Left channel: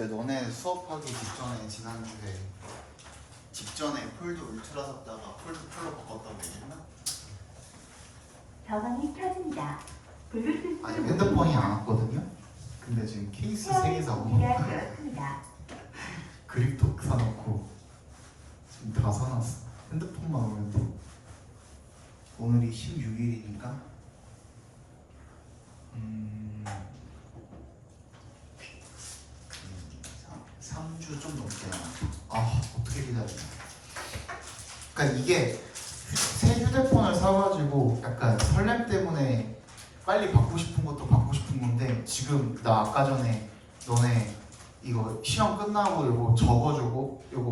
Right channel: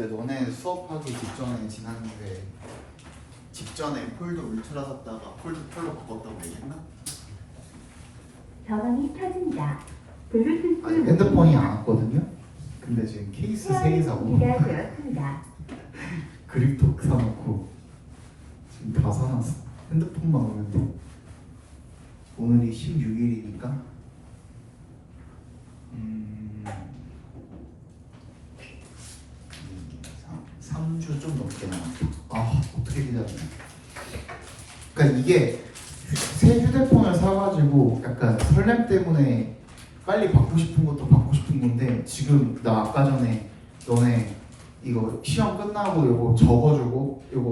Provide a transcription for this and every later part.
그때 너네 수업하기 직전에 지났는데 직전에 폴드 울트라 샀다가 폴드 프로 바꿨다고 얘기했나? 전원이 켜집니다. 블루투스 아니 핸드폰이 안 왔거든요. 근데 지금 케이스 3개 사고 준비가 되었습니다. 그립톡 사놓고 지금 다 사놨어. 핸드폰만 오면 돼. 오늘이 16일이니까 3주 좀 넘게 남았다. 아 어떻게 기다리냐. 그러니까 이게 새 휴대폰을 사가지고 약간 설렘 때문에 빨리 받고 싶은 것도 받고 싶은 건데 지금 나 아까 전에 너네 이거 시험 끝나고 요거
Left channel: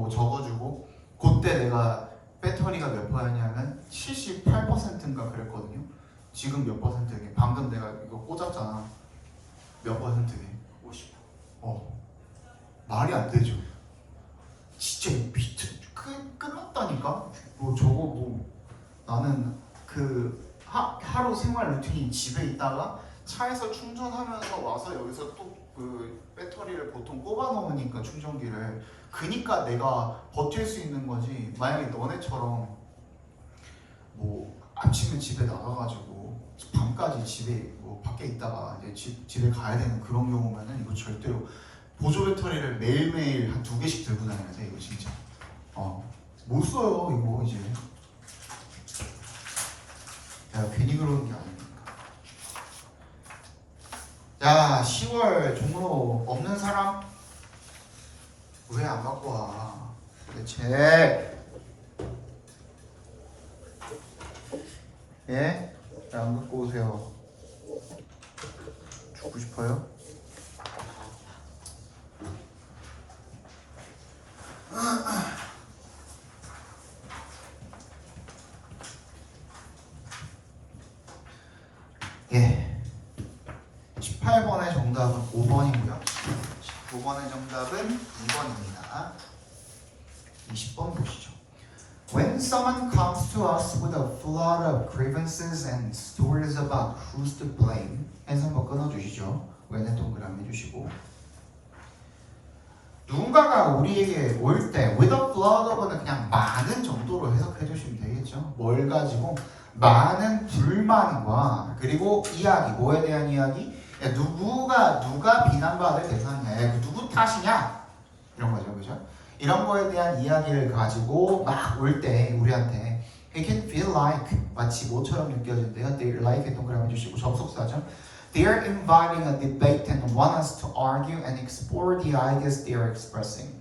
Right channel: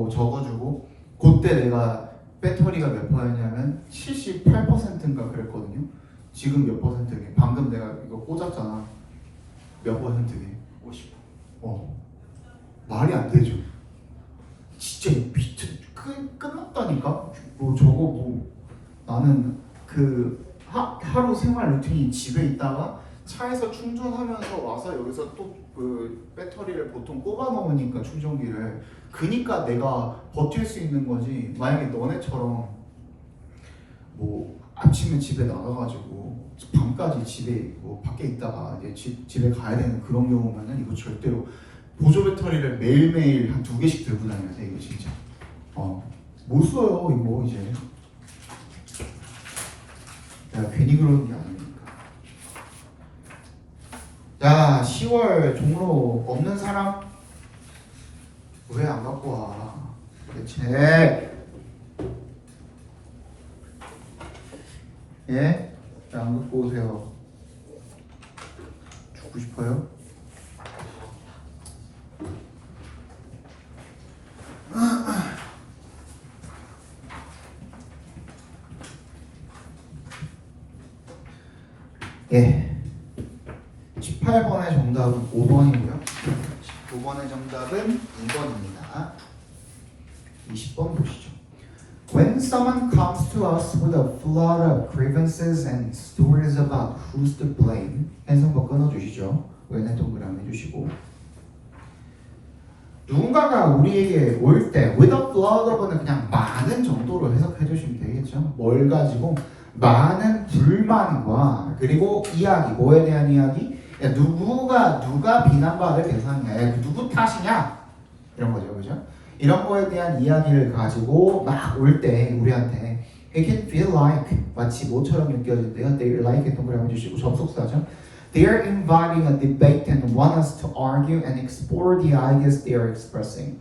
적어주고 그때 내가 배터리가 몇 퍼였냐면 78%인가 그랬거든요. 지금 몇 퍼센트게? 방금 내가 이거 꽂았잖아. 몇 퍼센트게? 50%. 말이 안 되죠. 진짜 끝났다니까. 뭐 저거 뭐 나는 그 하루 생활 루틴이 집에 있다가 차에서 충전하면서 와서 여기서 또 그 배터리를 보통 꼽아 놓으니까 충전기를 그니까 내가 버틸 수 있는 거지. 만약에 너네처럼 뭐 아침에 집에 나가가지고 밤까지 집에 뭐 밖에 있다가 이제 집에 가야 되는 그런 경우면은 이거 절대로 보조 배터리를 매일매일 한 2개씩 들고 다녀야 돼. 이게 진짜 못 써요 이거 이제. 야 괜히 그러는 게 아닙니다. 야 10월 종로 없는 사람 왜 안 갖고 와 도대체? 예? 왜 안 갖고 오세요? 주고 싶어요? 예. 18번의 정답은 5번이고요. 19번의 정답은 2번입니다. 20번 보시죠. When someone comes to us with a flood of grievances and stories about who's to blame, 해서 한번 끊어주시죠. 왼의 동그라미 해주시고, 누군가가 우리에게 올 때 with a flood of는 그냥 많은 정도로 해석해 주시면 되겠죠. 뭘 가지고 많은 불만과 그리고 이야기, 뭐에 대한 이야기? 야, 누가 비난받을 대상이야? 야, 누구 탓이냐? 이런 거죠, 그죠? 이런 거에 대한 이야기를 가지고 막 올 때 우리한테 it can feel like 마치 뭐처럼 느껴진대요. They like 동그라미 해주시고 접속사죠. They are inviting a debate and want us to argue and explore the ideas they are expressing.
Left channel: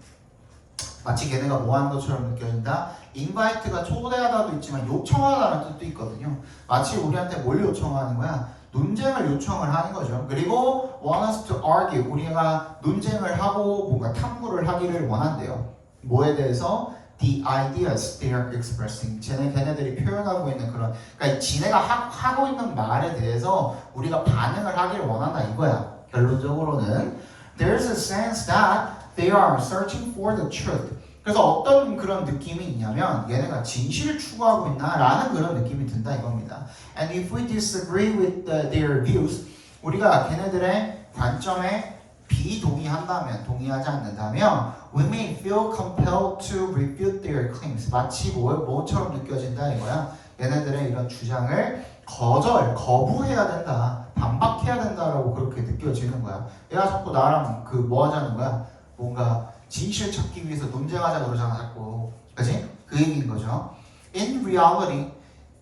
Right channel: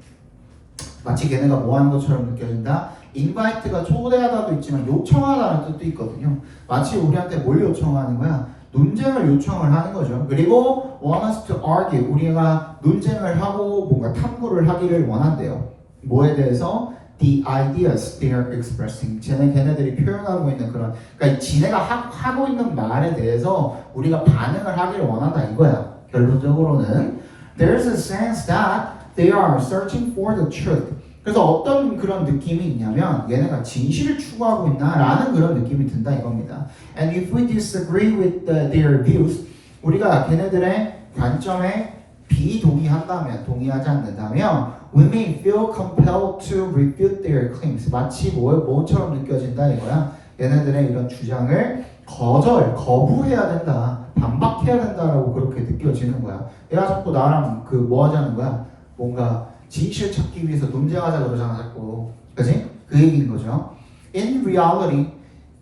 마치 걔네가 뭐 하는 것처럼 느껴진다. invite가 초대하다도 있지만 요청하다는 뜻도 있거든요. 마치 우리한테 뭘 요청하는 거야? 논쟁을 요청을 하는 거죠. 그리고 want us to argue, 우리가 논쟁을 하고 뭔가 탐구를 하기를 원한대요. 뭐에 대해서? The ideas they are expressing. 걔네들이 표현하고 있는 그런, 그러니까 지네가 하고 있는 말에 대해서 우리가 반응을 하기를 원한다 이거야. 결론적으로는 there's a sense that they are searching for the truth. 그래서 어떤 그런 느낌이 있냐면 얘네가 진실을 추구하고 있나라는 그런 느낌이 든다 이겁니다. And if we disagree with their views, 우리가 걔네들의 관점에 비동의한다면, 동의하지 않는다면, we may feel compelled to refute their claims. 마치 뭐처럼 느껴진다 이거야. 얘네들의 이런 주장을 거부해야 된다, 반박해야 된다라고 그렇게 느껴지는 거야. 얘가 자꾸 나랑 그 뭐 하자는 거야? 뭔가 진실 찾기 위해서 논쟁하자 그러잖아 자꾸. 그치? 그 얘기인 거죠. In reality,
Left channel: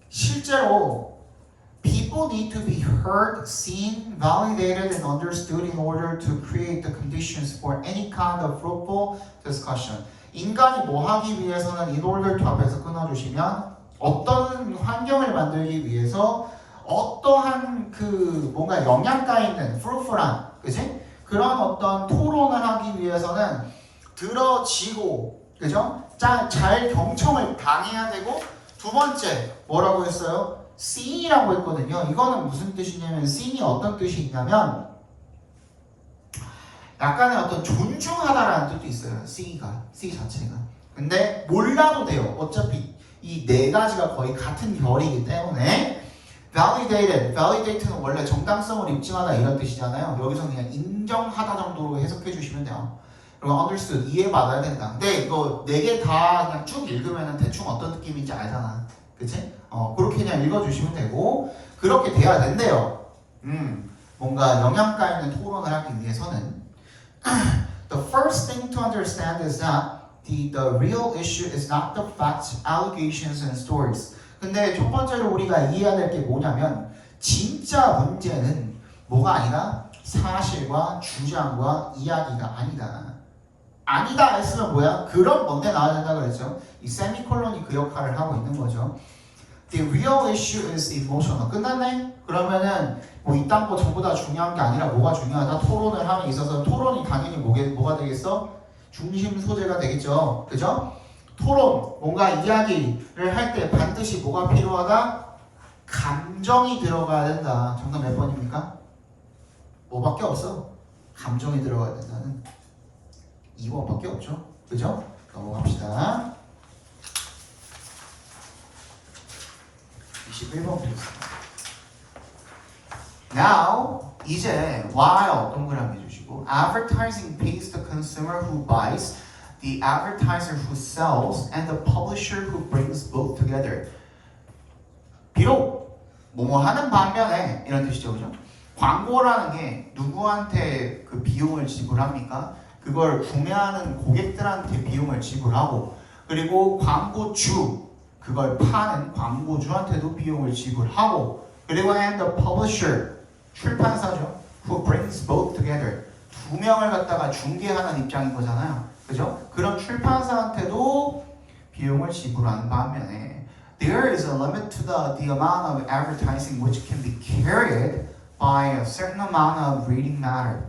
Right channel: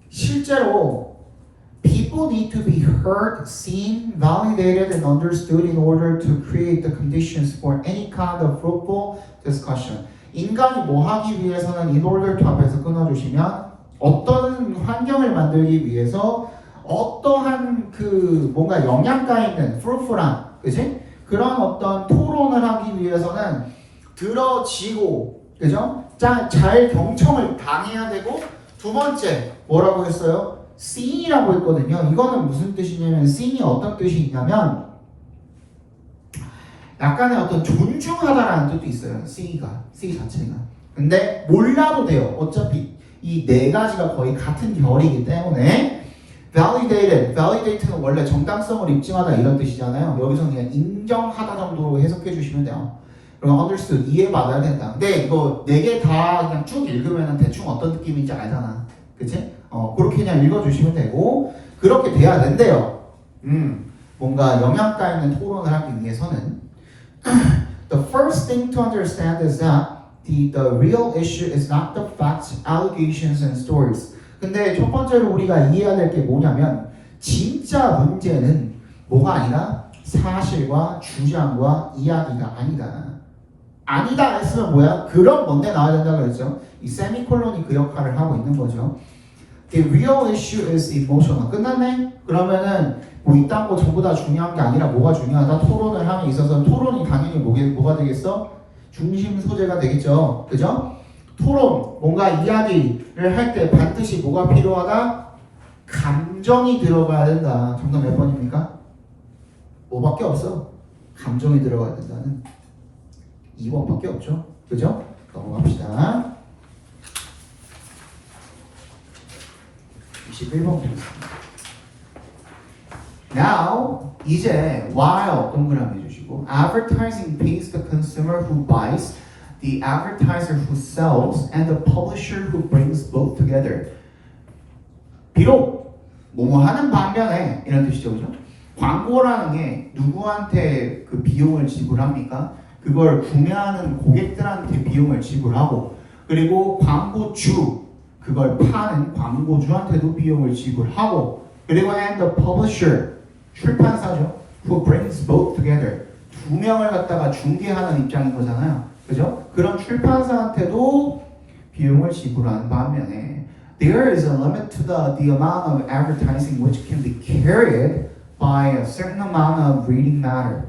실제로 people need to be heard, seen, validated, and understood in order to create the conditions for any kind of fruitful discussion. 인간이 뭐 하기 위해서는 in order to 앞에서 끊어주시면 어떤 환경을 만들기 위해서 어떠한 그 뭔가 영양가 있는 fruitful한, 그치? 그런 어떤 토론을 하기 위해서는 들어지고, 그죠? 잘 경청을 당해야 되고, 두 번째 뭐라고 했어요? seen이라고 했거든요. 이거는 무슨 뜻이냐면 seen이 어떤 뜻이 있냐면 약간의 어떤 존중하다라는 뜻도 있어요. see 자체가. 근데 몰라도 돼요. 어차피 이 네 가지가 거의 같은 결이기 때문에 validate는 원래 정당성을 입증하다 이런 뜻이잖아요. 여기서 그냥 인정하다 정도로 해석해 주시면 돼요. 그럼 understood 이해받아야 된다. 근데 이거 4개 다 그냥 쭉 읽으면 대충 어떤 느낌인지 알잖아. 그치? 그렇게 그냥 읽어주시면 되고 그렇게 돼야 된대요. 뭔가 영양가 있는 토론을 하기 위해서는 the first thing to understand is that the real issue is not the facts, allegations, and stories. 근데 첫 번째로 우리가 이해해야 될 게 뭐냐면 진짜 문제는 뭐가 아니라 사실과 주장과 이야기가 아니다. 아니다 했으면 뭐야? 그런 뭔데 나와야 된다고 그랬죠. 이 세미콜론이 그 역할을 하고 있는 거죠. The real issue is emotional. 끝났네? 그러면은 뭐 이딴 거 전부 다 중요한 게 아니라 뭐가 중요하다? 토론을 함에 있어서 토론이 당연히 뭐가 되겠어? 중심 소재가 되겠죠. 그죠? 토론, 뭔가 이야기를 할 때 반드시 뭐가 필요하다? 감정이 들어가야 된다. 정답 몇 번입니까? 뭐밖에 없어. 감정이 들어가야 된다는 2번밖에 없죠. 그죠? 넘어갑시다. 21번 보겠습니다. Now, 이제 while 동그라미 해주시고 advertising pays the consumer who buys, the advertiser who sells, and the publisher who brings both together. 비록 뭐뭐 하는 반면에 이런 뜻이죠, 그죠? 광고라는 게 누구한테 그 비용을 지불합니까? 그걸 구매하는 고객들한테 비용을 지불하고 그리고 광고주 그걸 파는 광고주한테도 비용을 지불하고 그리고 and the publisher 출판사죠. Who brings both together. 두 명을 갖다가 중개하는 입장인 거잖아요. 그죠? 그런 출판사한테도 비용을 지불하는 반면에 there is a limit to the amount of advertising which can be carried by a certain amount of reading matter.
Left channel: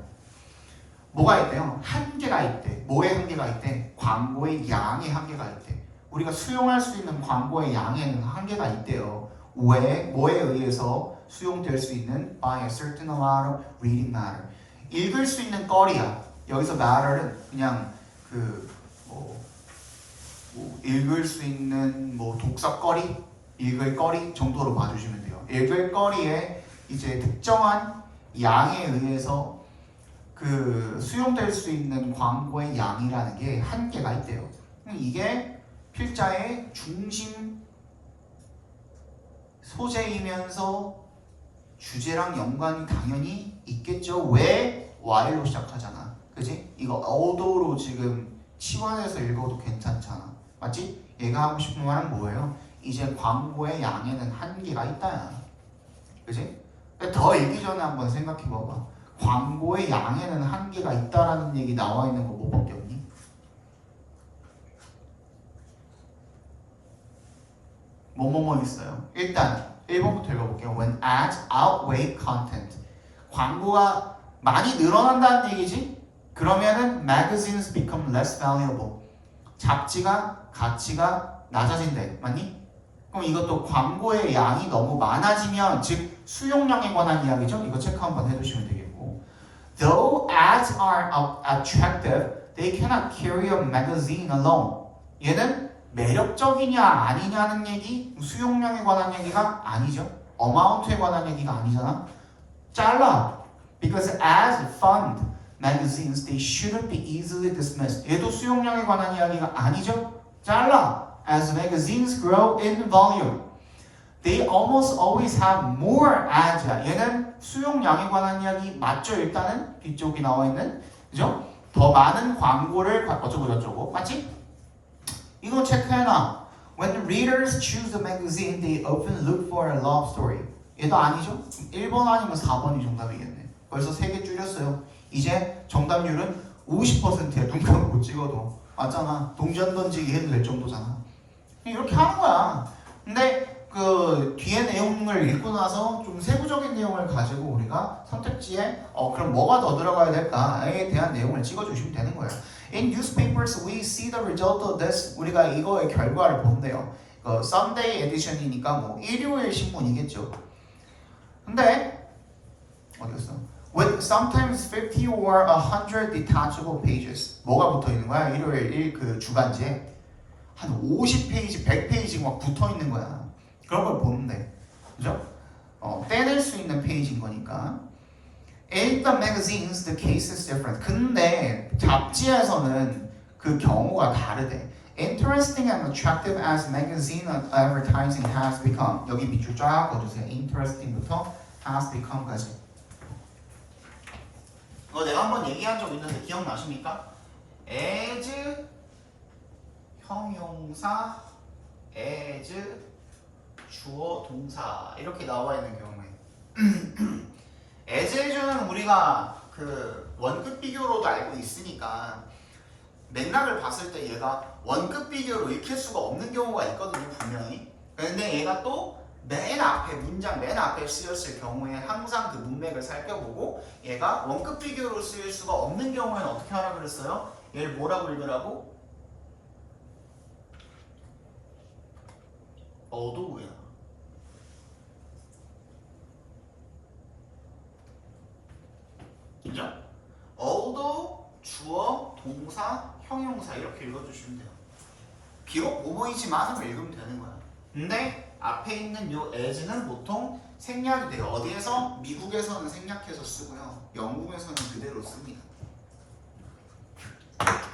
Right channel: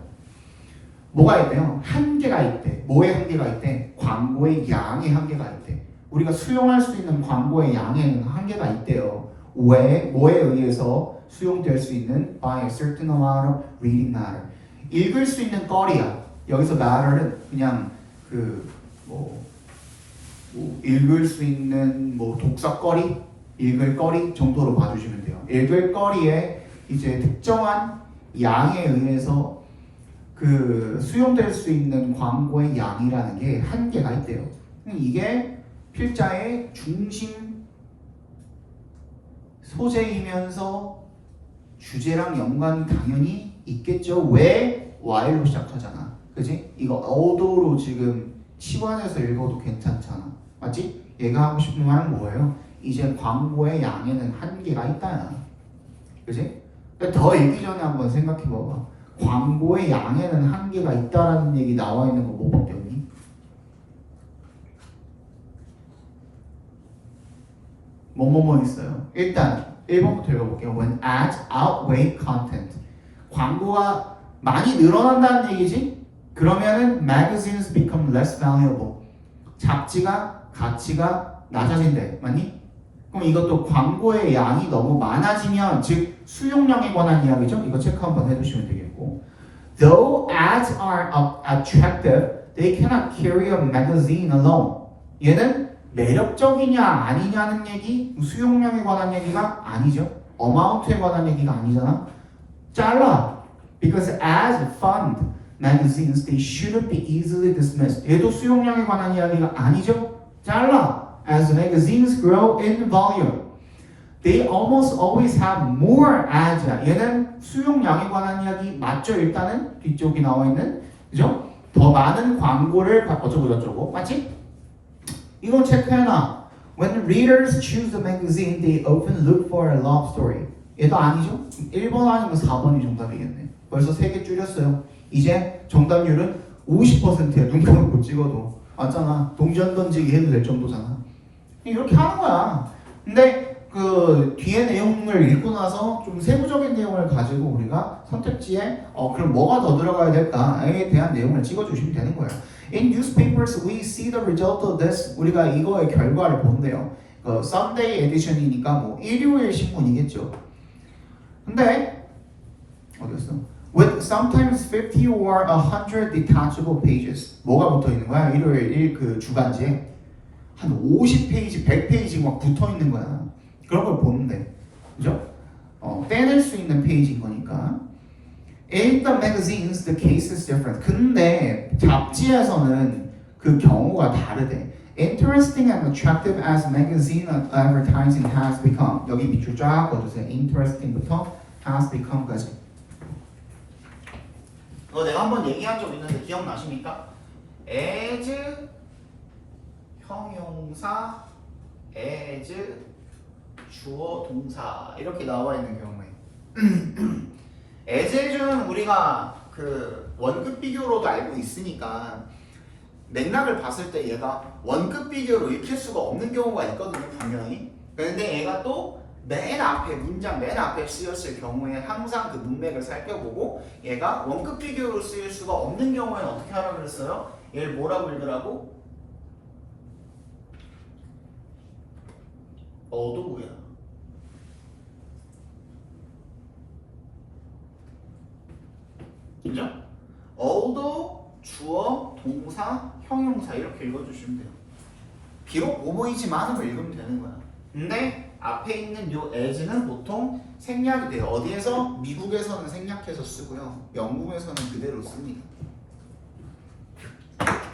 뭐가 있대요? 한계가 있대. 뭐의 한계가 있대? 광고의 양의 한계가 있대. 우리가 수용할 수 있는 광고의 양에는 한계가 있대요. 왜? 뭐에 의해서 수용될 수 있는 by a certain amount of reading matter. 읽을 수 있는 거리야. 여기서 matter는 그냥 읽을 수 있는 독서거리, 읽을 거리 정도로 봐주시면 돼요. 읽을 거리에 이제 특정한 양에 의해서 수용될 수 있는 광고의 양이라는 게 한계가 있대요. 이게 필자의 중심 소재이면서 주제랑 연관이 당연히 있겠죠. 왜? while로 시작하잖아. 그지? 이거 어도로 지금 치환해서 읽어도 괜찮잖아. 맞지? 얘가 하고 싶은 말은 뭐예요? 이제 광고의 양에는 한계가 있다야. 그지? 근데 더 읽기 전에 한번 생각해봐봐. 광고의 양에는 한계가 있다라는 얘기 나와 있는 거 못 봤겠니? 뭐뭐뭐 있어요. 일단 1번부터 읽어볼게요. When ads outweigh content. 광고가 많이 늘어난다는 얘기지? 그러면은 magazines become less valuable. 잡지가 가치가 낮아진대. 맞니? 그럼 이것도 광고의 양이 너무 많아지면 즉 수용량에 관한 이야기죠. 이거 체크 한번 해주시면 되겠고 Though ads are attractive, they cannot carry a magazine alone. 얘는 매력적이냐 아니냐는 얘기, 수용량에 관한 얘기가 아니죠. 어마운트에 관한 얘기가 아니잖아. 잘라. Because as fund magazines, they shouldn't be easily dismissed. 얘도 수용량에 관한 이야기가 아니죠. 잘라. As magazines grow in volume, they almost always have more ads. 얘는 수용량에 관한 이야기 맞죠? 일단은 뒤쪽이 나와 있는 그죠? 더 많은 광고를 어쩌고 맞지? 이건 체크해놔. When readers choose the magazine, they often look for a love story. 얘도 아니죠? 1번 아니면 4번이 정답이겠네. 벌써 3개 줄였어요. 이제 정답률은 50%야. 눈 감고 찍어도. 맞잖아. 동전 던지기 해도 될 정도잖아. 이렇게 하는 거야. 근데 그 뒤에 내용을 읽고 나서 좀 세부적인 내용을 가지고 우리가 선택지에 그럼 뭐가 더 들어가야 될까에 대한 내용을 찍어주시면 되는 거예요. In newspapers, we see the result of this. 우리가 이거의 결과를 본대요. Sunday edition이니까 뭐 일요일 신문이겠죠. 근데 어디였어? With sometimes 50 or 100 detachable pages. 뭐가 붙어 있는 거야? 일요일 그 주간지에 한 50페이지, 100페이지 막 붙어 있는 거야. 그런 걸 보는데, 그죠? 떼낼 수 있는 페이지인 거니까. In the magazines, the case is different. 근데 잡지에서는 그 경우가 다르대. Interesting and attractive as magazine advertising has become. 여기 밑줄 쫙 꺼주세요. Interesting부터 has become까지. 이거 내가 한번 얘기한 적 있는데 기억나십니까? as 형용사, as 주어 동사 이렇게 나와 있는 경우에 as는 우리가 그 원급 비교로도 알고 있으니까 맥락을 봤을 때 얘가 원급 비교로 읽힐 수가 없는 경우가 있거든요, 분명히. 그런데 얘가 또 맨 앞에 문장 맨 앞에 쓰였을 경우에 항상 그 문맥을 살펴보고 얘가 원급 비교로 쓰일 수가 없는 경우에 어떻게 하라고 그랬어요? 얘를 뭐라고 읽으라고? 어도구야. 그죠? although 주어, 동사, 형용사 이렇게 읽어주시면 돼요. 비록 뭐뭐이지만으로 읽으면 되는 거야. 근데 앞에 있는 요 as는 보통 생략이 돼요. 어디에서? 미국에서는 생략해서 쓰고요. 영국에서는 그대로 씁니다.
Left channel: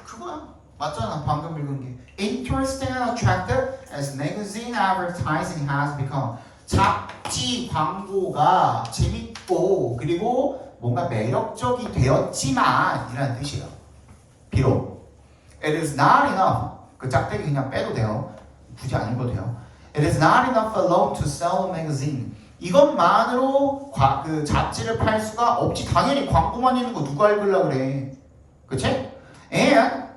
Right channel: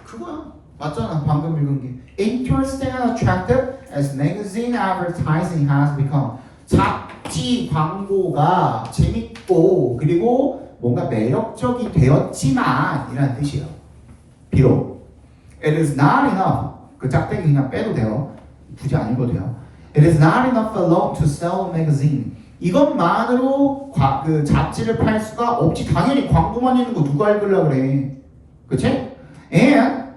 그거야. 맞잖아. 방금 읽은 게. Interesting and attractive as magazine advertising has become. 잡지 광고가 재밌고 그리고 뭔가 매력적이 되었지만 이라는 뜻이에요. 비록 It is not enough. 그 짝대기 그냥 빼도 돼요. 굳이 안 읽어도 돼요. It is not enough alone to sell a magazine. 이것만으로 그 잡지를 팔 수가 없지. 당연히 광고만 있는 거 누가 읽으려고 그래. 그치? And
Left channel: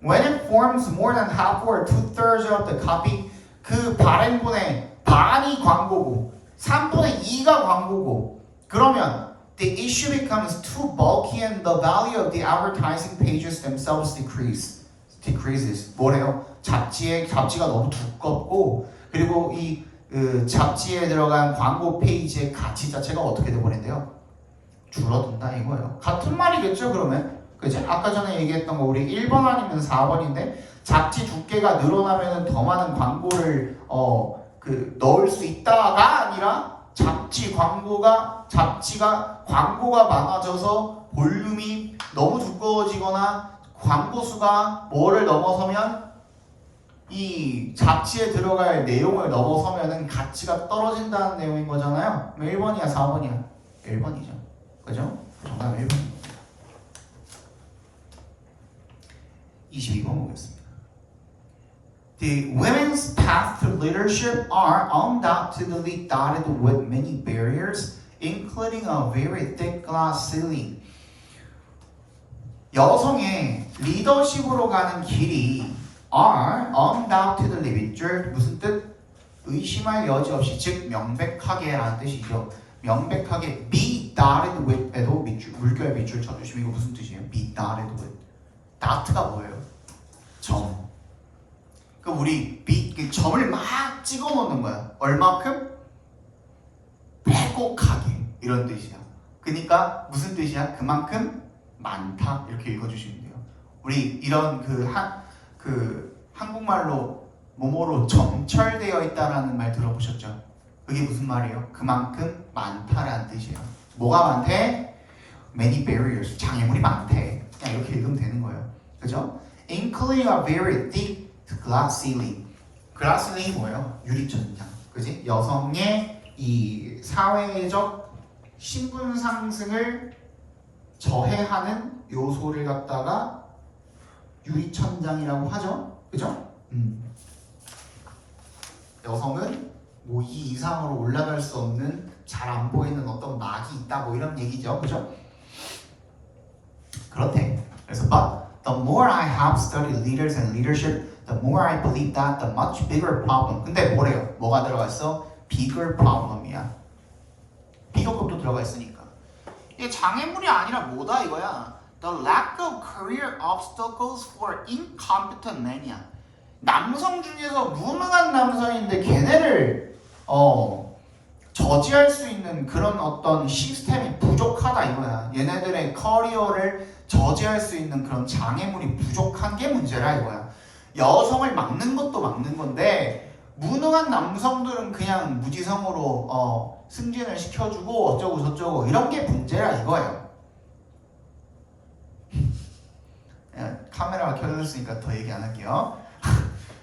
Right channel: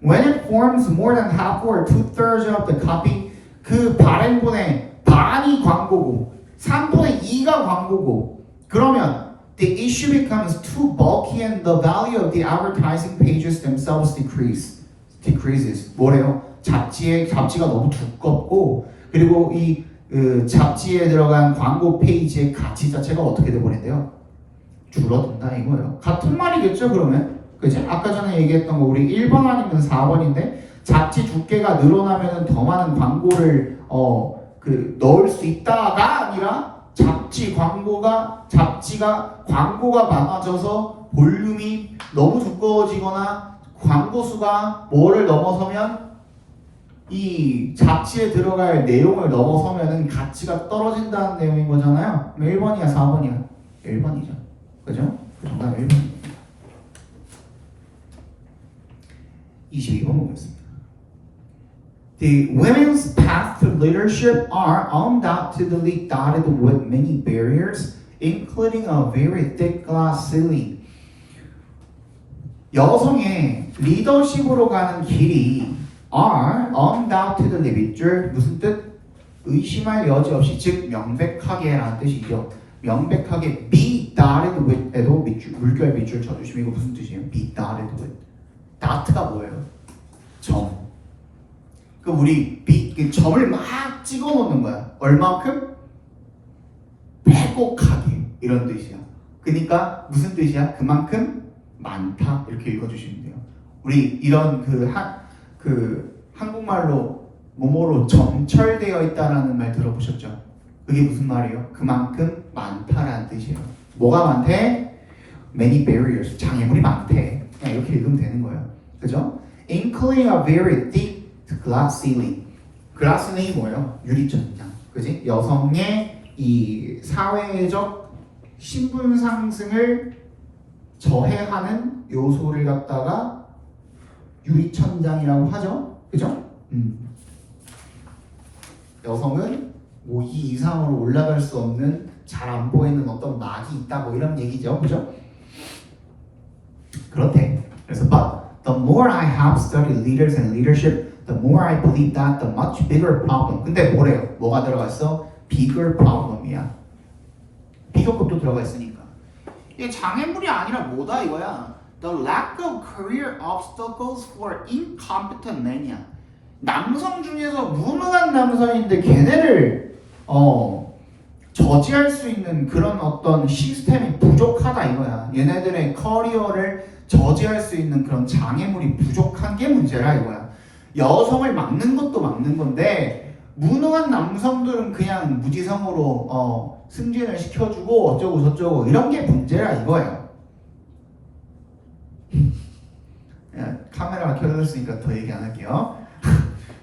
when it forms more than half or 2/3 of the copy, 그 발행본의 반이 광고고 3분의 2가 광고고 그러면 the issue becomes too bulky and the value of the advertising pages themselves decreases. 뭐래요? 잡지가 너무 두껍고 그리고 이 잡지에 들어간 광고 페이지의 가치 자체가 어떻게 돼버린대요? 줄어든다 이거예요. 같은 말이겠죠 그러면? 그치? 아까 전에 얘기했던 거 우리 1번 아니면 4번인데 잡지 두께가 늘어나면 더 많은 광고를 넣을 수 있다가 아니라 잡지가 광고가 많아져서 볼륨이 너무 두꺼워지거나 광고 수가 뭐를 넘어서면 이 잡지에 들어갈 내용을 넘어서면은 가치가 떨어진다는 내용인 거잖아요. 1번이야 4번이야? 1번이죠. 그죠? 정답 1번입니다. 22번 보겠습니다. The women's path to leadership are undoubtedly dotted with many barriers, including a very thick glass ceiling. 여성의 리더십으로 가는 길이 are undoubtedly 밑줄 무슨 뜻? 의심할 여지 없이 즉 명백하게 라는 뜻이죠. 명백하게 be dotted with에도 물결 밑줄 쳐주시면 이거 무슨 뜻이에요? be dotted with. dot가 뭐예요? 점. 그 우리 점을 막 찍어 놓는 거야. 얼마큼? 빼곡하게 이런 뜻이야. 그러니까 무슨 뜻이야? 그만큼 많다 이렇게 읽어주시면 돼요. 우리 이런 한국말로 뭐뭐로 점철되어 있다라는 말 들어보셨죠? 그게 무슨 말이에요? 그만큼 많다라는 뜻이에요. 뭐가 많대? Many barriers. 장애물이 많대. 그냥 이렇게 읽으면 되는 거예요. 그죠? Including a very thick glass ceiling. glass ceiling이 뭐예요? 유리천장. 그지? 여성의 이 사회적 신분 상승을 저해하는 요소를 갖다가 유리천장이라고 하죠. 그죠? 여성은 뭐 이 이상으로 올라갈 수 없는 잘 안 보이는 어떤 막이 있다 뭐 이런 얘기죠. 그죠? 그렇대. 그래서 but the more I have studied leaders and leadership, the more I believe that the much bigger problem. 근데 뭐래요? 뭐가 들어가 있어? bigger problem이야. 비교급도 들어가 있으니까. 이게 장애물이 아니라 뭐다 이거야? The lack of career obstacles for incompetent men이야. 남성 중에서 무능한 남성인데 걔네를 저지할 수 있는 그런 어떤 시스템이 부족하다 이거야. 얘네들의 커리어를 저지할 수 있는 그런 장애물이 부족한 게 문제라 이거야. 여성을 막는 것도 막는 건데 무능한 남성들은 그냥 무지성으로 승진을 시켜주고 어쩌고 저쩌고 이런 게 문제라 이거예요. 카메라가 켜져 있으니까 더 얘기 안 할게요.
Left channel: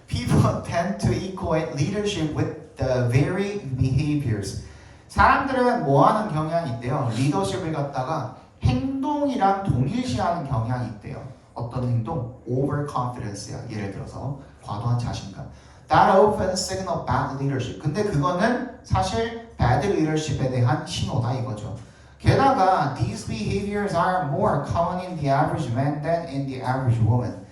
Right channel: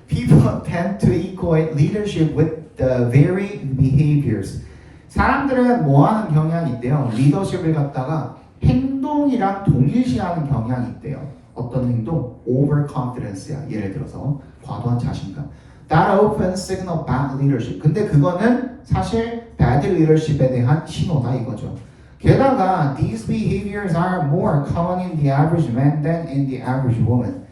People tend to equate leadership with the very behaviors. 사람들은 뭐하는 경향이 있대요. 리더십을 갖다가 행동이랑 동일시하는 경향이 있대요. 어떤 행동? Overconfidence야. 예를 들어서 과도한 자신감. That often signal bad leadership. 근데 그거는 사실 bad leadership에 대한 신호다 이거죠. 게다가 these behaviors are more common in the average man than in the average woman.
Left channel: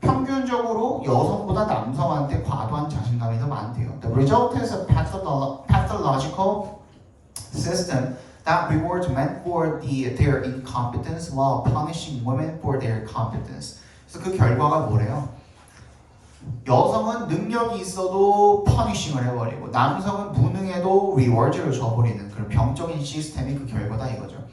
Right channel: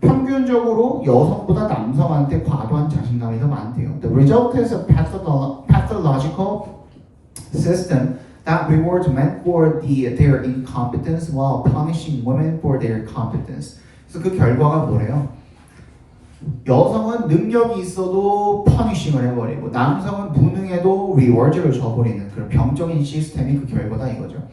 평균적으로 여성보다 남성한테 과도한 자신감이 더 많대요. The result is a pathological system that rewards men for their incompetence while punishing women for their competence. 그래서 그 결과가 뭐래요? 여성은 능력이 있어도 퍼니싱을 해버리고 남성은 무능해도 리워드를 줘버리는 그런 병적인 시스템이 그 결과다 이거죠.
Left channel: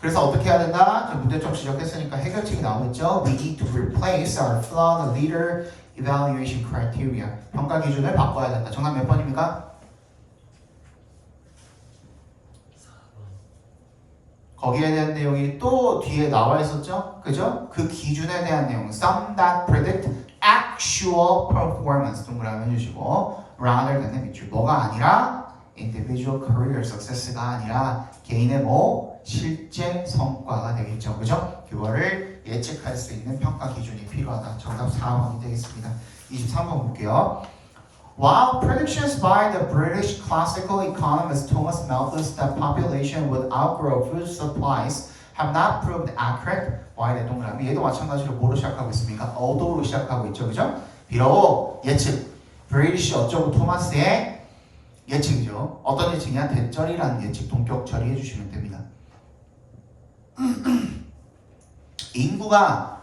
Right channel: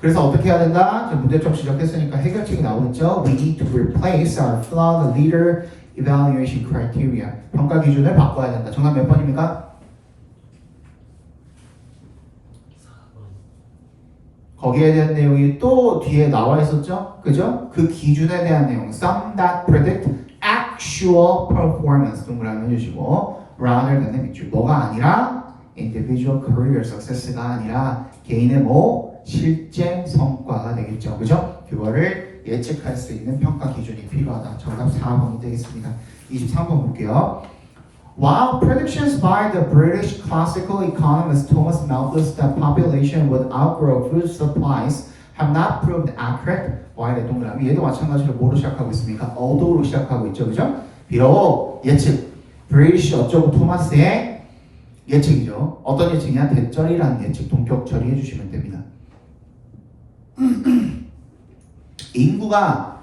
그래서 어떻게 해야 된다? 문제점 지적했으니까 해결책이 나오겠죠. We need to replace our flawed leader evaluation criteria. 평가 기준을 바꿔야 된다. 정답 몇 번입니까? 거기에 대한 내용이 또 뒤에 나와 있었죠? 그죠? 그 기준에 대한 내용 Some that predict actual performance 동그라미 해주시고 rather than 밑줄 뭐가 아니라 individual career success가 아니라 개인의 뭐 실제 성과가 되겠죠. 그죠? 그거를 예측할 수 있는 평가 기준이 필요하다. 정답 4번이 되겠습니다. 23번 볼게요. While predictions by the British classical economist Thomas Malthus that population would outgrow food supplies have not proved accurate. Y의 동그라미 얘도 마찬가지로 뭐로 시작하고 있습니까? 어도로 시작하고 있죠. 그죠? 비록 예측 브리티시 어쩌고 토마스의 예측이죠. 어떤 예측이냐? 대절이라는 예측 동격 처리해 주시면 됩니다. 인구가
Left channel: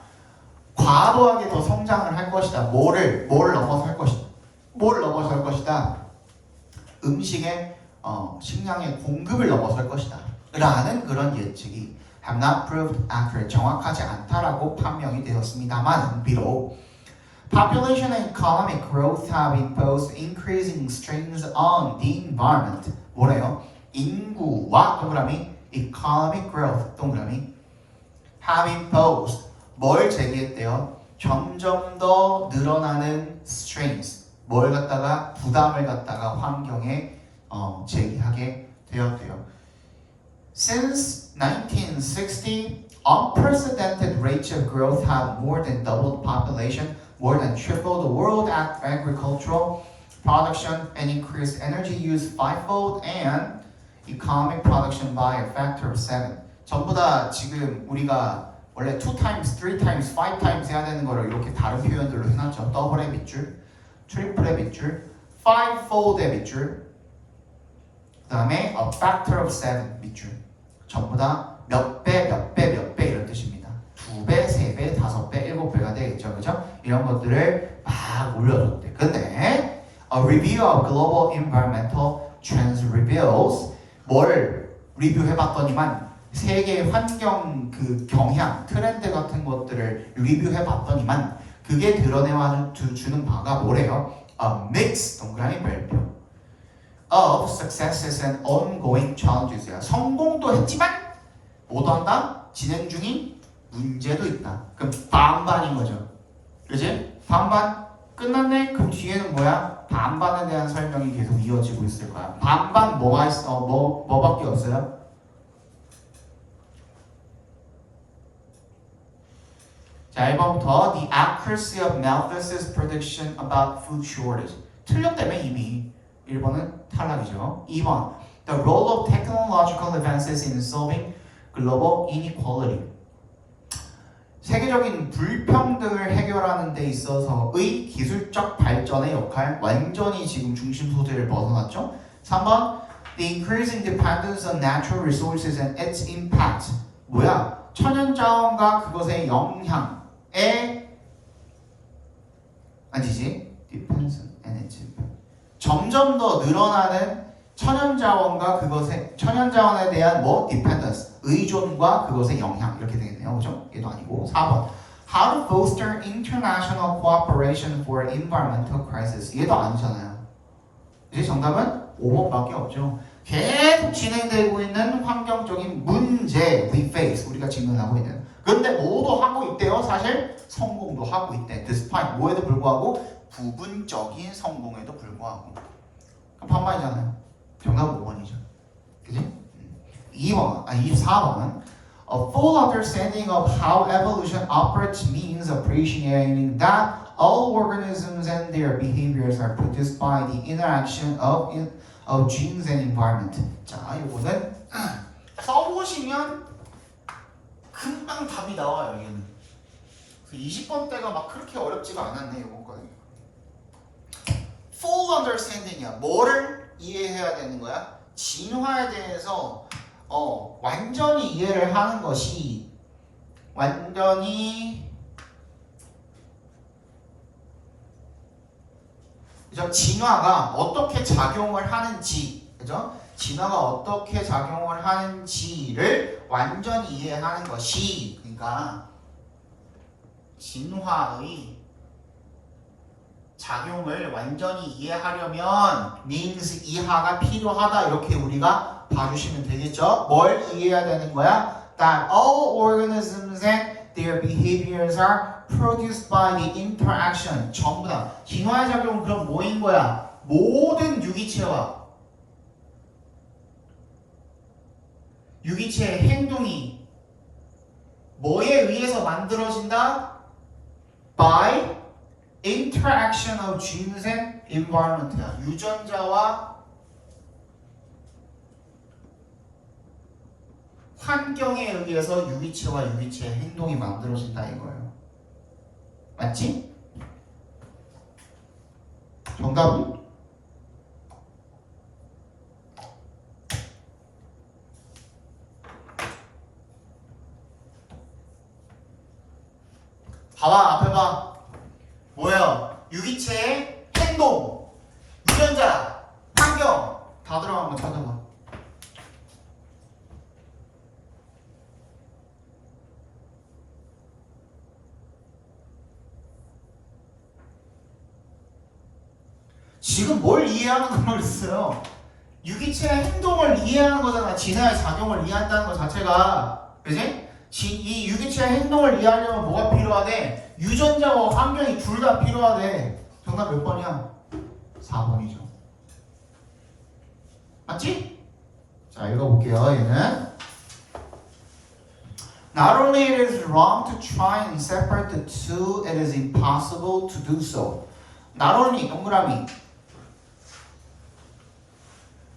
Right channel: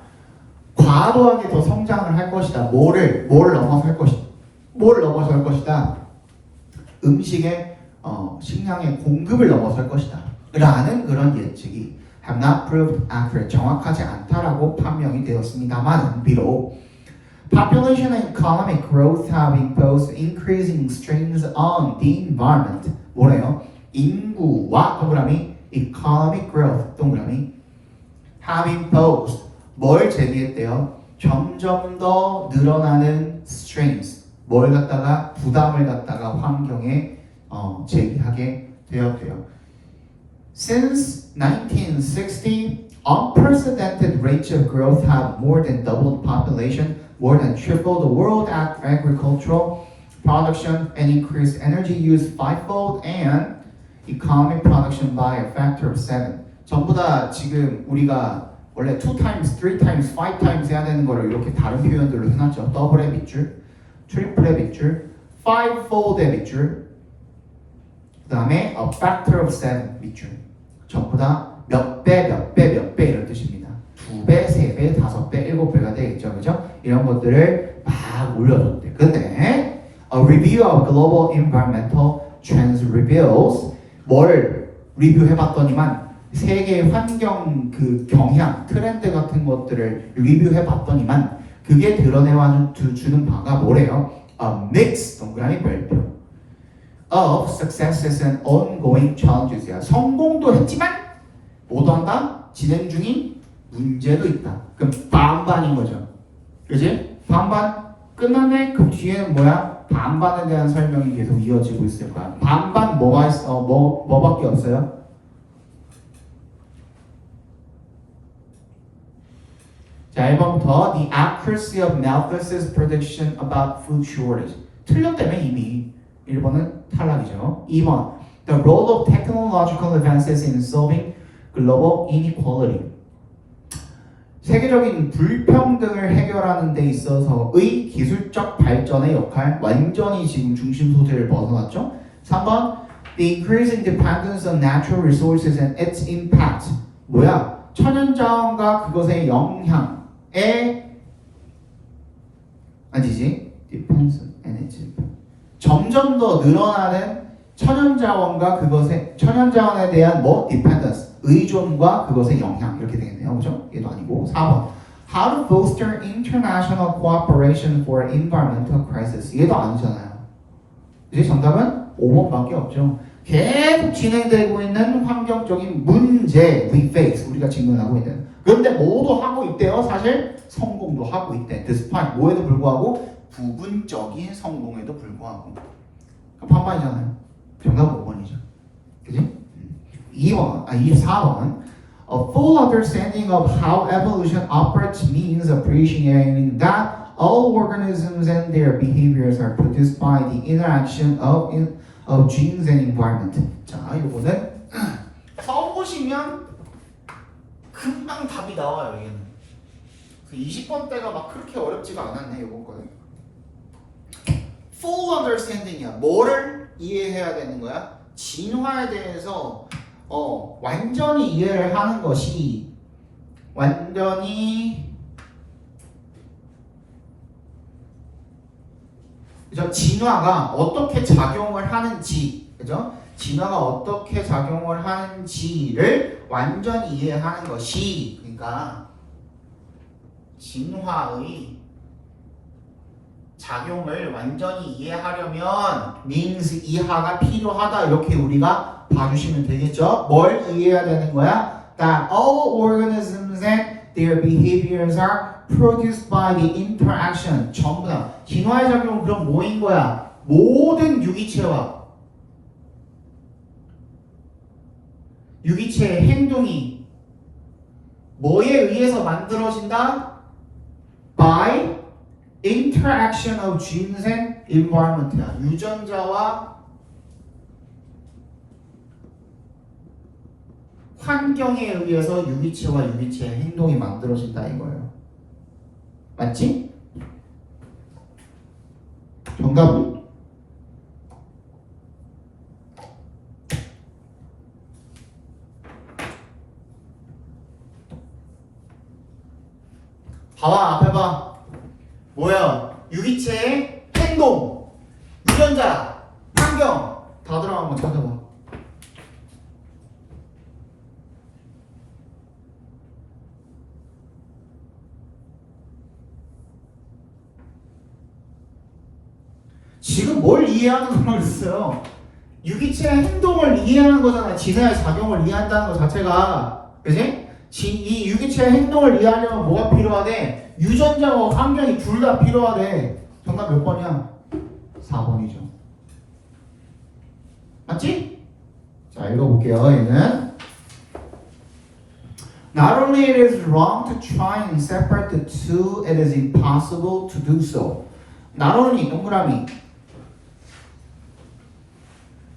과도하게 더 성장을 할 것이다. 뭘 넘어서 할 것이다. 뭘 넘어서 할 것이다. 음식의 식량의 공급을 넘어서 할 것이다. 라는 그런 예측이 have not proved accurate. 정확하지 않다라고 판명이 되었습니다만 비록 population and economic growth have imposed increasing strains on the environment. 뭐래요? 인구와 동그라미 economic growth 동그라미 have imposed 뭘 제기했대요? 점점 더 늘어나는 strains 뭘 갖다가 부담을 갖다가 환경에 제기하게 되었대요. Since 1960, unprecedented rates of growth have more than doubled population, more than tripled the world agricultural production, and increased energy use fivefold, and economic production by a factor of 7. 전부 다 지금 우리가 원래 2 times, 3 times, 5 times 해야 되는 거를 이렇게 다른 표현들로 해놨죠. 더블의 밑줄, 트리플의 밑줄, fivefold의 밑줄, 그 다음에 a factor of 7 밑줄. 전부 다 몇 배 이런 뜻입니다. 2배, 3배, 5배, 7배가 되겠죠. 그죠? 이런 것들을 막 올려줬대. 근데 a review of global environmental trends reveals 뭘 리뷰해봤더니만 세계 환경 그 경향, 트렌드 같은 것들을 리뷰해봤더니만 그게 드러내와 주는 바가 뭐래요? A mix, 동그라미 별표 of successes and ongoing challenges야. 성공도 했지만 못한다? 진행 중인 문제도 있다. 그럼 반반인 거죠. 그지? 반반 끝났네? 그럼 뒤에는 뭐야? 반반에 대한 설명이 계속 이어지고 있을 거야. 반반 뭐가 있어? 뭐밖에 없어요? 자, 1번부터 The accuracy of Malthus's prediction about food shortage. 틀렸다며 이미. 1번은 탈락이죠. 2번 The role of technological advances in solving global inequality. 세계적인 불평등을 해결하는 데 있어서의 기술적 발전의 역할 완전히 지금 중심 소재를 벗어났죠. 3번 The increasing dependence on natural resources and its impact. 뭐야? 천연자원과 그것의 영향에 아니지? Depends and its impact. 점점 더 늘어나는 천연자원과 그것의 천연자원에 대한 뭐? Dependence. 의존과 그것의 영향 이렇게 되겠네요. 그죠? 얘도 아니고 4번 How to foster international cooperation for environmental crisis. 얘도 아니잖아요. 이제 정답은 5번밖에 없죠. 계속 진행되고 있는 환경적인 문제 we face 우리가 직면하고 있는 근데 뭐도 하고 있대요. 사실 성공도 하고 있대. despite 뭐에도 불구하고 부분적인 성공에도 불구하고. 반반이잖아요. 정답 5번이죠. 그지? 24번. A full understanding of how evolution operates means appreciating that all organisms and their behaviors are produced by the interaction of genes and environment. 자, 이거는 써보시면 금방 답이 나와요. 얘는. 20번 때가 막 그렇게 어렵지가 않았네. 이거 거는. Full understanding이야. 뭐를 이해해야 되는 거야? 진화에 대해서 완전히 이해를 하는 것이 완전히 그죠? 진화가 어떻게 작용을 하는지, 그죠? 진화가 어떻게 작용을 하는지를 완전히 이해하는 것이, 그러니까 진화의 작용을 완전히 이해하려면 means 이하가 필요하다 이렇게 우리가 봐주시면 되겠죠? 뭘 이해해야 되는 거야? That all organisms and their behaviors are produced by the interaction. 전부 다 진화의 작용은 그럼 뭐인 거야? 모든 유기체와 유기체의 행동이 뭐에 의해서 만들어진다? By interaction of genes and environment야. 유전자와 환경에 의해서 유기체와 유기체의 행동이 만들어진다 이거예요. 맞지? 정답은? 봐봐, 앞에 봐. 뭐야? 유기체의 행동, 유전자, 환경 다 들어간 거 찾아봐. 지금 뭘 이해하는 거라고 했어요? 유기체의 행동을 이해하는 거잖아. 진화의 작용을 이해한다는 것 자체가. 그치? 이 유기체의 행동을 이해하려면 뭐가 필요하대? 유전자와 환경이 둘 다 필요하대. 정답 몇 번이야? 4번이죠. 맞지? 자, 읽어볼게요. 얘는 Not only it is wrong to try and separate the two, it is impossible to do so. Not only 동그라미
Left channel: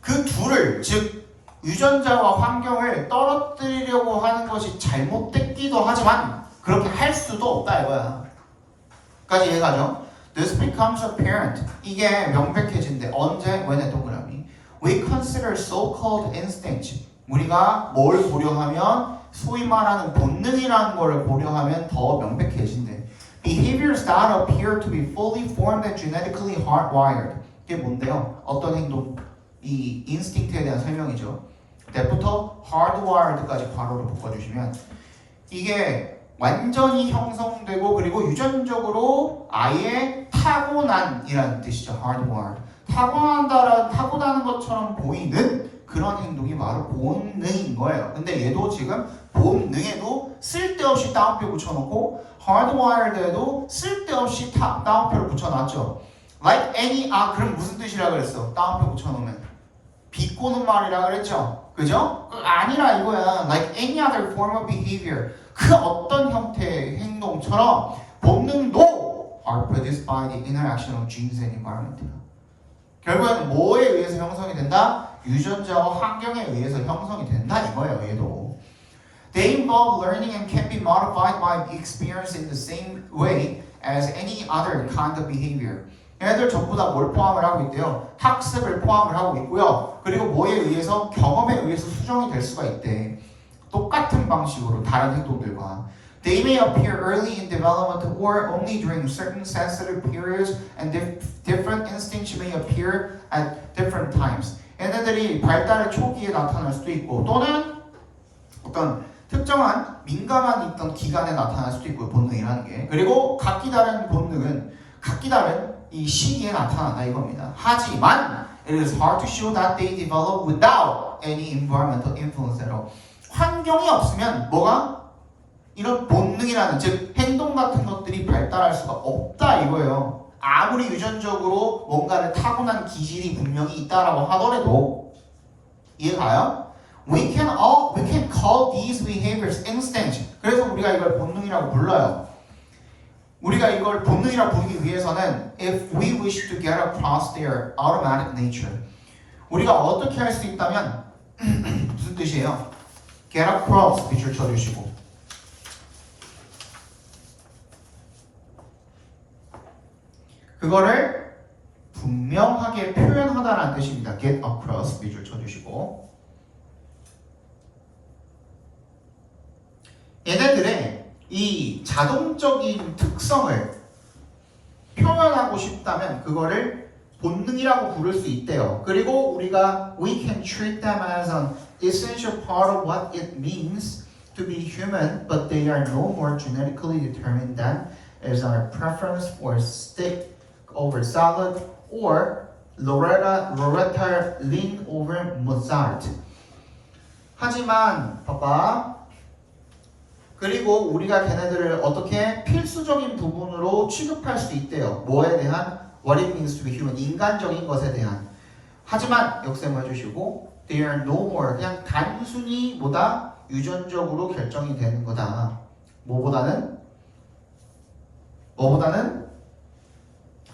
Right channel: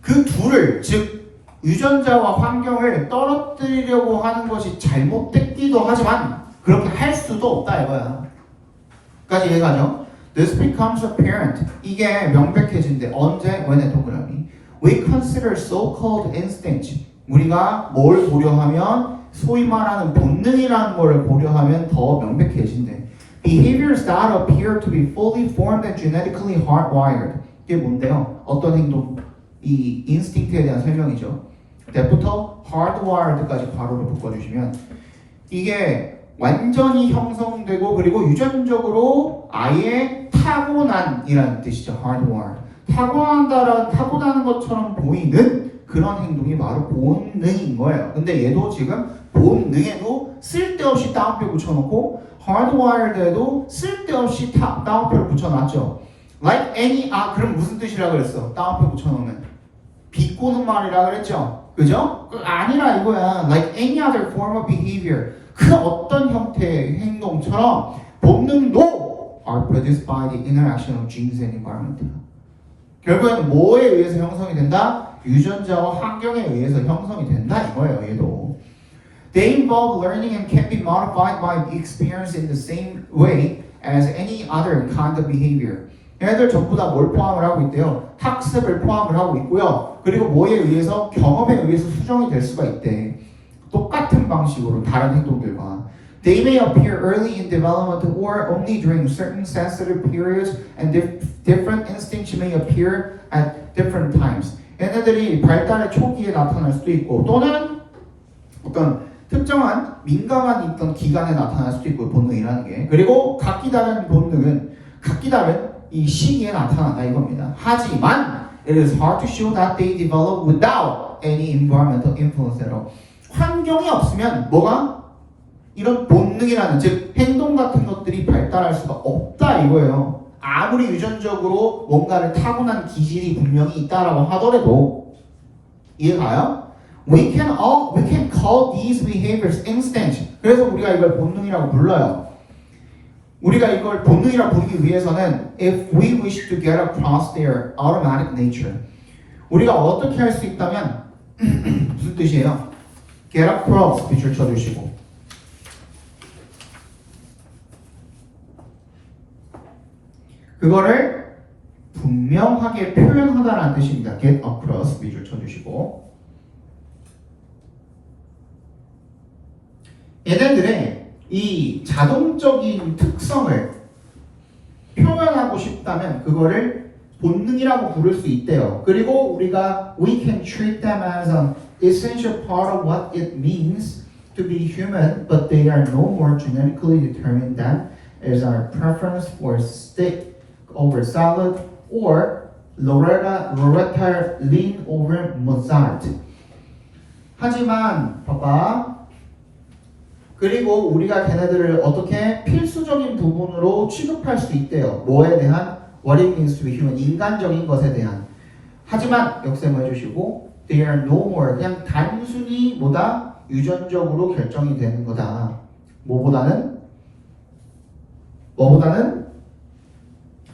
그 둘을 즉 유전자와 환경을 떨어뜨리려고 하는 것이 잘못됐기도 하지만 그렇게 할 수도 없다 이거야. 까지 이해가죠? This becomes apparent. 이게 명백해진대. 언제? when 동그라미. We consider so-called instinct. 우리가 뭘 고려하면 소위 말하는 본능이라는 걸 고려하면 더 명백해진대. Behaviors that appear to be fully formed and genetically hardwired. 이게 뭔데요? 어떤 행동? 이 인스팅트에 대한 설명이죠. 때부터 hardwired까지 괄호로 묶어주시면 이게 완전히 형성되고 그리고 유전적으로 아예 타고난이라는 뜻이죠. hardwired. 타고나는 것처럼 보이는 그런 행동이 바로 본능인 거예요. 근데 얘도 지금 본능에도 쓸데없이 따옴표 붙여놓고 hardwired에도 쓸데없이 따옴표를 붙여놨죠. Like any 그럼 무슨 뜻이라 그랬어? 따옴표 붙여놓으면 비꼬는 말이라 그랬죠. 그죠? 아니라 이거야. Like any other form of behavior. 그 어떤 형태의 행동처럼 본능도 are produced by the interaction of genes and environment. 결국엔 뭐에 의해서 형성이 된다? 유전자와 환경에 의해서 형성이 된다 이거예요. 얘도. They involve learning and can be modified by experience in the same way as any other kind of behavior. 얘네들 전부 다 뭘 포함을 하고 있대요? 학습을 포함을 하고 있고요. 그리고 뭐에 의해서? 경험에 의해서 수정이 될 수가 있대. 똑같은 방식으로 다른 행동들과. They may appear early in development or only during certain sensitive periods and different instincts may appear at different times. 얘네들이 발달의 초기에 나타날 수도 있고 또는 어떤 특정한 민감한 있던 기간에 나타날 수도 있고 본능이라는 게. 그리고 각기 다른 본능은 각기 다른 이 시기에 나타난다 이겁니다. 하지만 it is hard to show that they develop without any environmental influence at all. 환경이 없으면 뭐가? 이런 본능이라는 즉 행동 같은 것들이 발달할 수가 없다 이거예요. 아무리 유전적으로 뭔가를 타고난 기질이 분명히 있다라고 하더라도 이해가요? We can call these behaviors instinct. 그래서 우리가 이걸 본능이라고 불러요. 우리가 이걸 본능이라고 부르기 위해서는 if we wish to get across their automatic nature. 우리가 어떻게 할 수 있다면 무슨 뜻이에요? get across 밑줄 쳐주시고 그거를 분명하게 표현하다라는 뜻입니다. get across 밑줄 쳐주시고 얘네들의 이 자동적인 특성을 표현하고 싶다면 그거를 본능이라고 부를 수 있대요. 그리고 우리가 we can treat them as an essential part of what it means to be human, but they are no more genetically determined than is our preference for steak over salad or Loretta Lynn over Mozart. 하지만 봐봐. 그리고 우리가 걔네들을 어떻게 필수적인 부분으로 취급할 수 있대요. 뭐에 대한? What it means to be human. 인간적인 것에 대한. 하지만 역셈을 해주시고 they are no more. 그냥 단순히 뭐다? 유전적으로 결정이 되는 거다. 뭐보다는?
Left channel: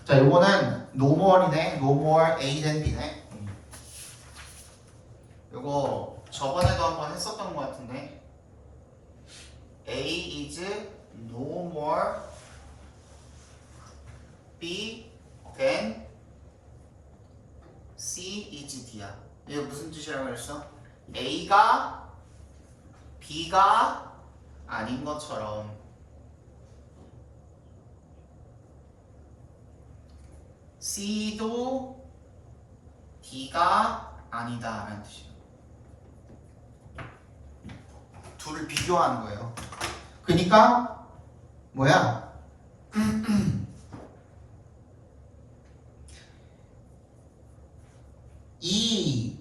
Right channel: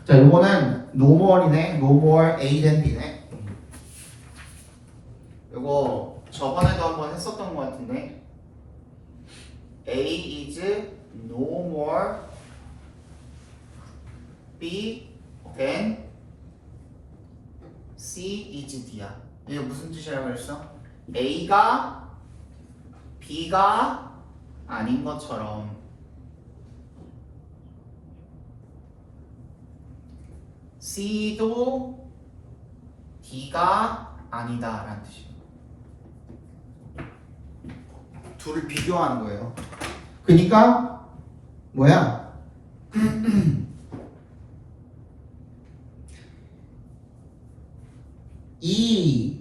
자, 요거는 no more이네. no more A than B네. 요거 저번에도 한번 했었던 것 같은데 A is no more B than C is D야. 이게 무슨 뜻이라고 했어? A가 B가 아닌 것처럼 C도 D가 아니다 라는 뜻이에요. 둘을 비교하는 거예요. 그러니까 뭐야? 이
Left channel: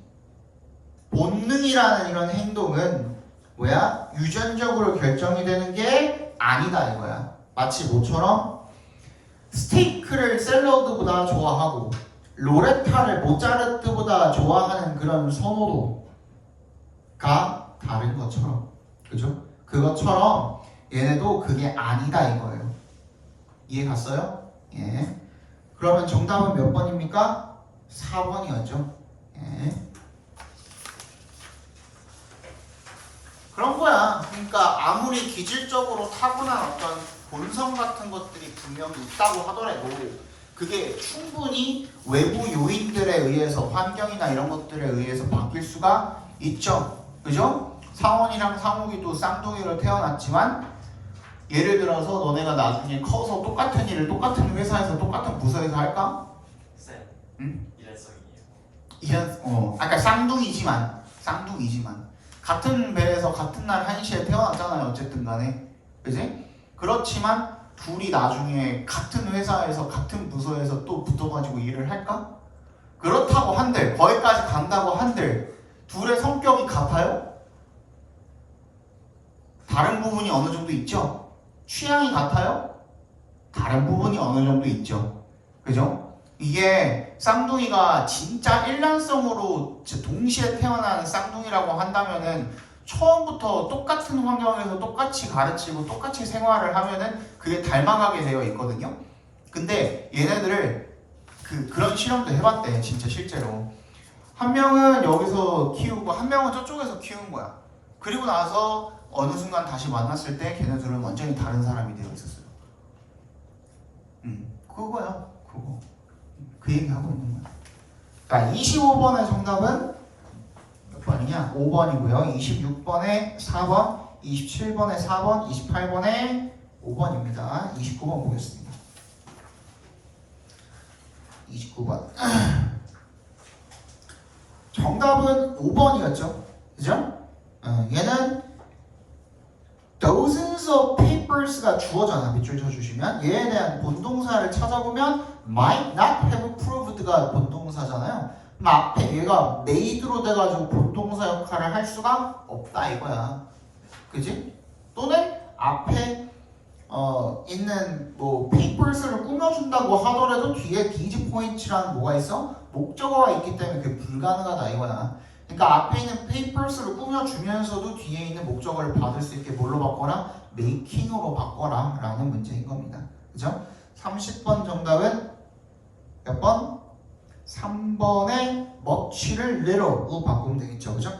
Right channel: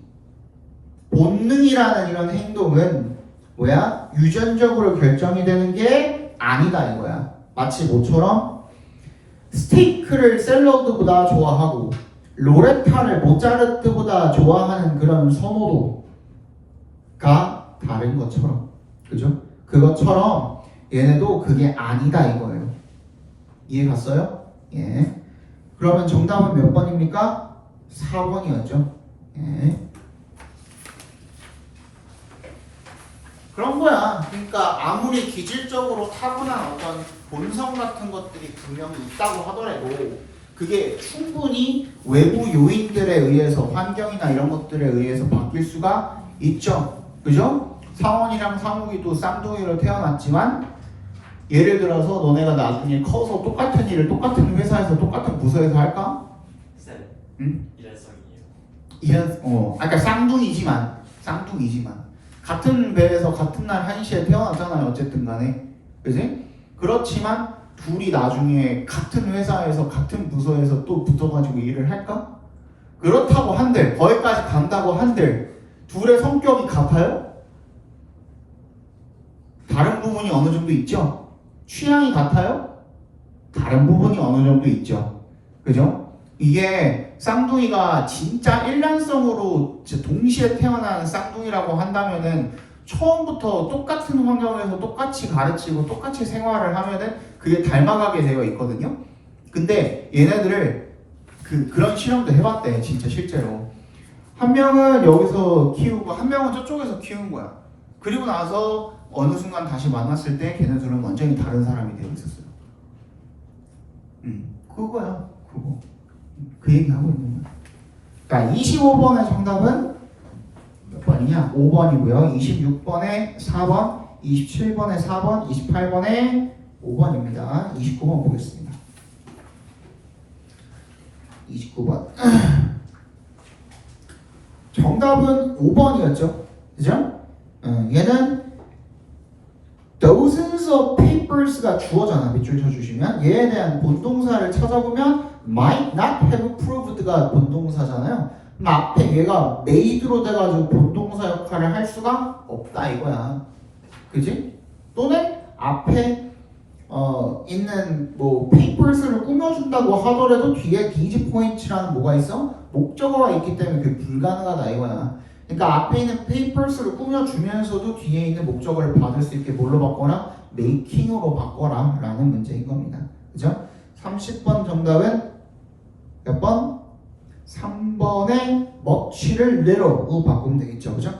본능이라는 이런 행동은 뭐야? 유전적으로 결정이 되는 게 아니다 이거야. 마치 뭐처럼 스테이크를 샐러드보다 좋아하고 로레타를 모차르트보다 좋아하는 그런 선호도가 다른 것처럼, 그죠? 그것처럼 얘네도 그게 아니다 이거예요. 이해 갔어요? 예. 그러면 정답은 몇 번입니까? 4번이었죠. 예. 그런 거야. 그러니까 아무리 기질적으로 타고난 어떤 본성 같은 것들이 분명히 있다고 하더라도 그게 충분히 외부 요인들에 의해서 환경이나 이런 것들에 의해서 바뀔 수가 있죠. 그죠? 상원이랑 상욱이도 쌍둥이로 태어났지만 예를 들어서 너네가 나중에 커서 똑같은 일을 똑같은 회사에서 똑같은 부서에서 할까? 쌤, 응? 일란성이에요. 그러니까 쌍둥이지만 같은 배에서 같은 날 1시에 태어났잖아요. 어쨌든 간에. 그지? 그렇지만 둘이 나중에 같은 회사에서 같은 부서에서 또 붙어가지고 일을 할까? 그렇다고 한들 거기까지 간다고 한들 둘의 성격이 같아요? 다른 부분이 어느 정도 있죠? 취향이 같아요? 다른 부분이 어느 정도 있죠. 그죠? 이게 쌍둥이가 진짜 일란성으로 동시에 태어난 쌍둥이라고 한다면은 처음부터 똑같은 환경에서 똑같이 가르치고 똑같이 생활을 하면은 그게 닮아가게 되어 있거든요. 근데 얘네들을 그런 실험도 해봤대. 진짜 실제로 한 명은 여기서 키우고 한 명은 저쪽에서 키운 거야. 그리고 나서 어느 순간 다시 만났을 때 걔네들은 완전히 다른 사람이 되어 있었어요. 그거야. 그거. 그 얘기 하고 있는 거야. 그러니까 25번의 정답은 몇 번이냐? 5번이고요. 26번에 4번, 27번에 4번, 28번에 5번입니다. 29번 보겠습니다. 29번. 정답은 5번이었죠. 그죠? 얘는 dozens of papers가 주어잖아. 밑줄 쳐주시면 얘에 대한 본동사를 찾아보면 might not have proved가 본동사잖아요. 그럼 앞에 얘가 made로 돼가지고 본동사 역할을 할 수가 없다 이거야. 그지? 또는 앞에 있는 뭐 papers를 꾸며준다고 하더라도 뒤에 these points라는 뭐가 있어? 목적어가 있기 때문에 그게 불가능하다 이거야. 그러니까 앞에 있는 papers를 꾸며주면서도 뒤에 있는 목적어를 받을 수 있게 뭘로 바꿔라? making으로 바꿔라 라는 문제인 겁니다. 그죠? 30번 정답은 몇 번? 3번에 much를 little로 바꾸면 되겠죠. 그죠?